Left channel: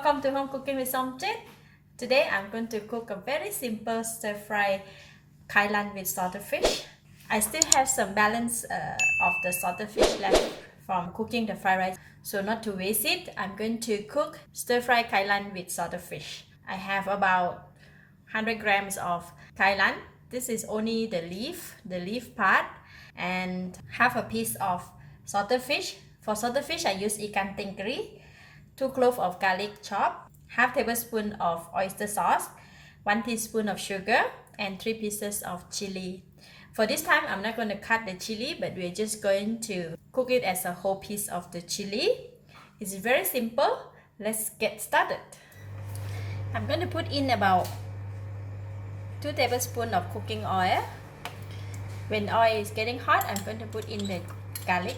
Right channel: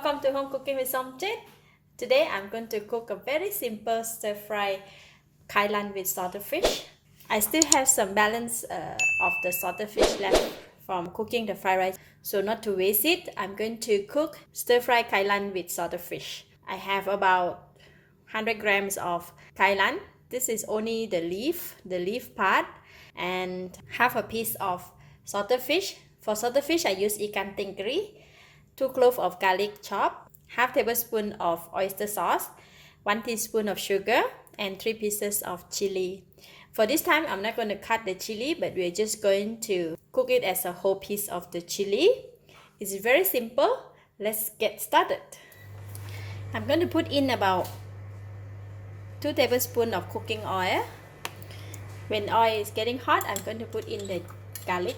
Welcome to Home Cooking with Somjit. Today I'm going to cook a very simple stir-fried Kailan with salted fish. I still have some balance of the salted fish left from cooking the fried rice. So not to waste it, I'm going to cook stir-fried Kailan with salted fish. I have about 100 grams of Kailan. This is only the leaf part, and half a piece of salted fish. For salted fish, I use ikan tenggiri, 2 cloves of garlic chopped, half tablespoon of oyster sauce, 1 teaspoon of sugar, and 3 pieces of chili. For this time, I'm not going to cut the chili, but we're just going to cook it as a whole piece of the chili. It's very simple. Let's get started. I'm going to put in about 2 tablespoons of cooking oil. When oil is getting hot, I'm going to put in the garlic.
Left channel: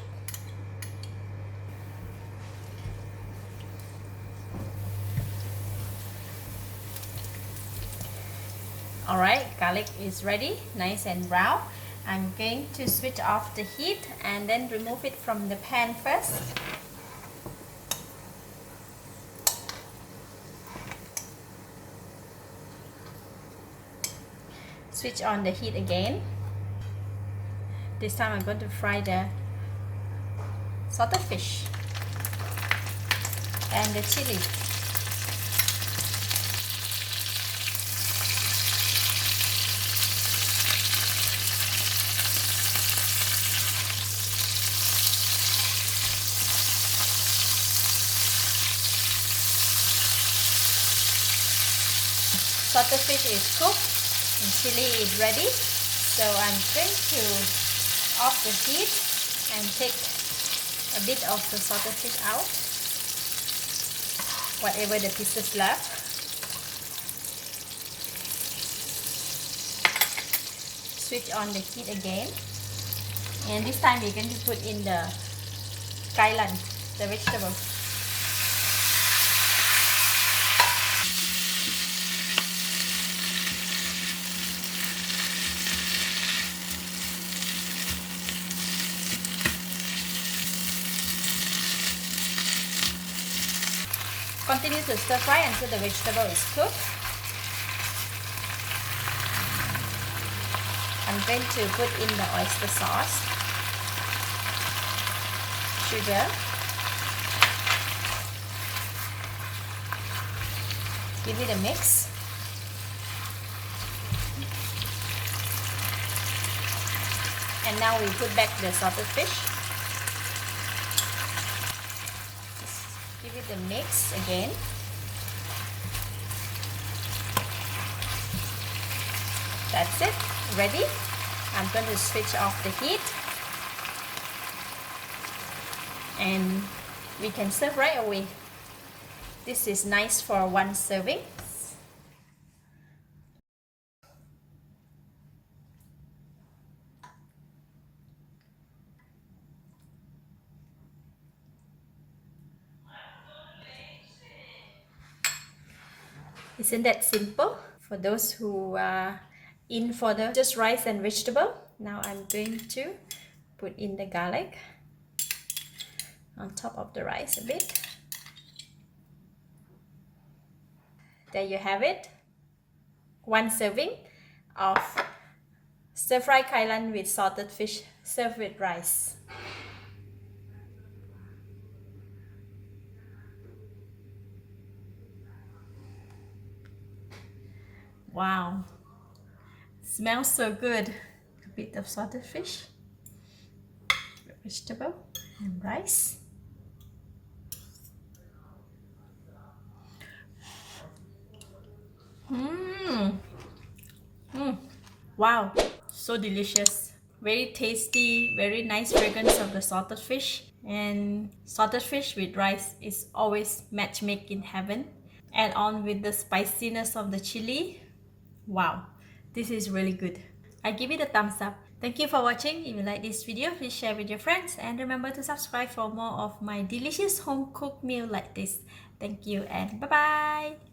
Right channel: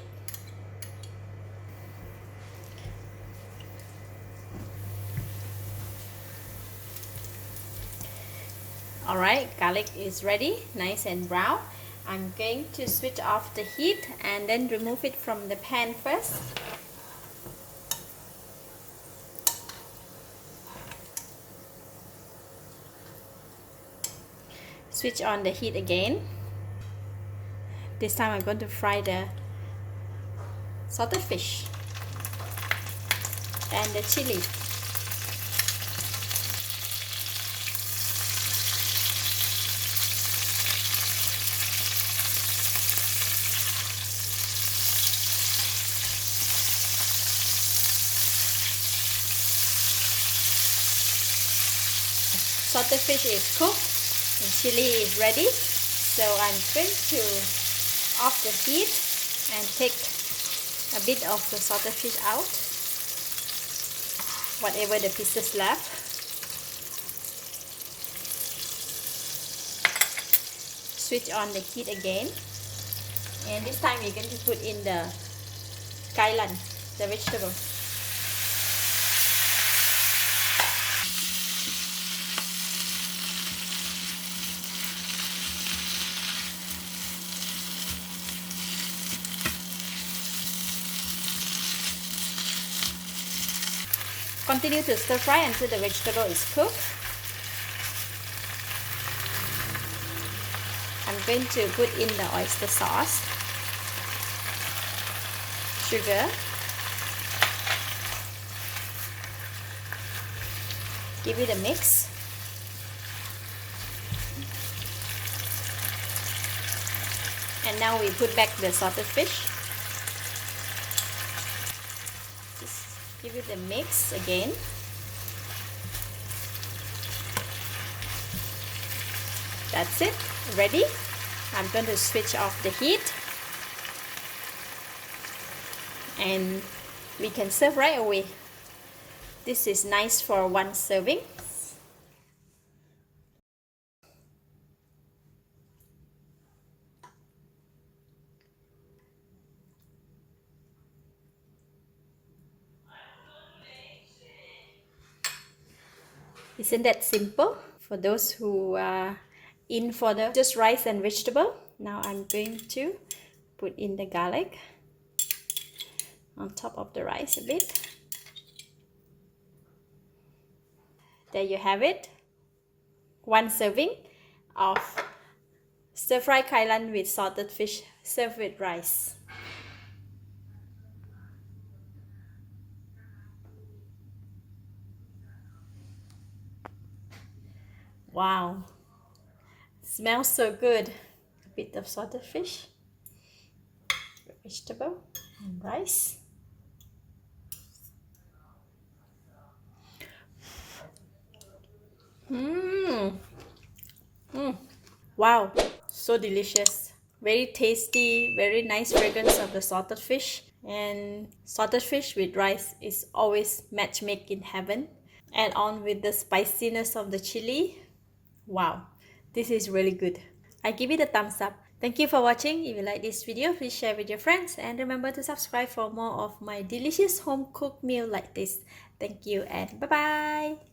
Alright, garlic is ready, nice and brown. I'm going to switch off the heat and then remove it from the pan first. Switch on the heat again. This time I'm going to fry the salted fish and the chili. Salted fish is cooked and chili is ready, so I'm going to off the heat and take a bit of the salted fish out, whatever the pieces left. Switch on the heat again, and this time we're going to put in the kailan, the vegetable. Continue to stir fry until the vegetable is cooked. I'm going to put in the oyster sauce, sugar, give it a mix. And now we put back the salted fish. Give it a mix again. That's it, ready. I'm going to switch off the heat and we can serve right away. This is nice for one serving. Isn't that simple? For those who are in for the just rice and vegetable, now I'm going to put in the garlic on top of the rice a bit. There you have it. One serving of stir-fried kailan with salted fish served with rice. Wow, smells so good. A bit of salted fish, vegetable, and rice. Wow, so delicious. Very tasty, very nice fragrance of the salted fish. And salted fish with rice is always match made in heaven. Add on with the spiciness of the chili. Wow, this is really good. I give it a thumbs up. Thank you for watching. If you like this video, please share with your friends and remember to subscribe for more of my delicious home cooked meal like this. Thank you and bye bye.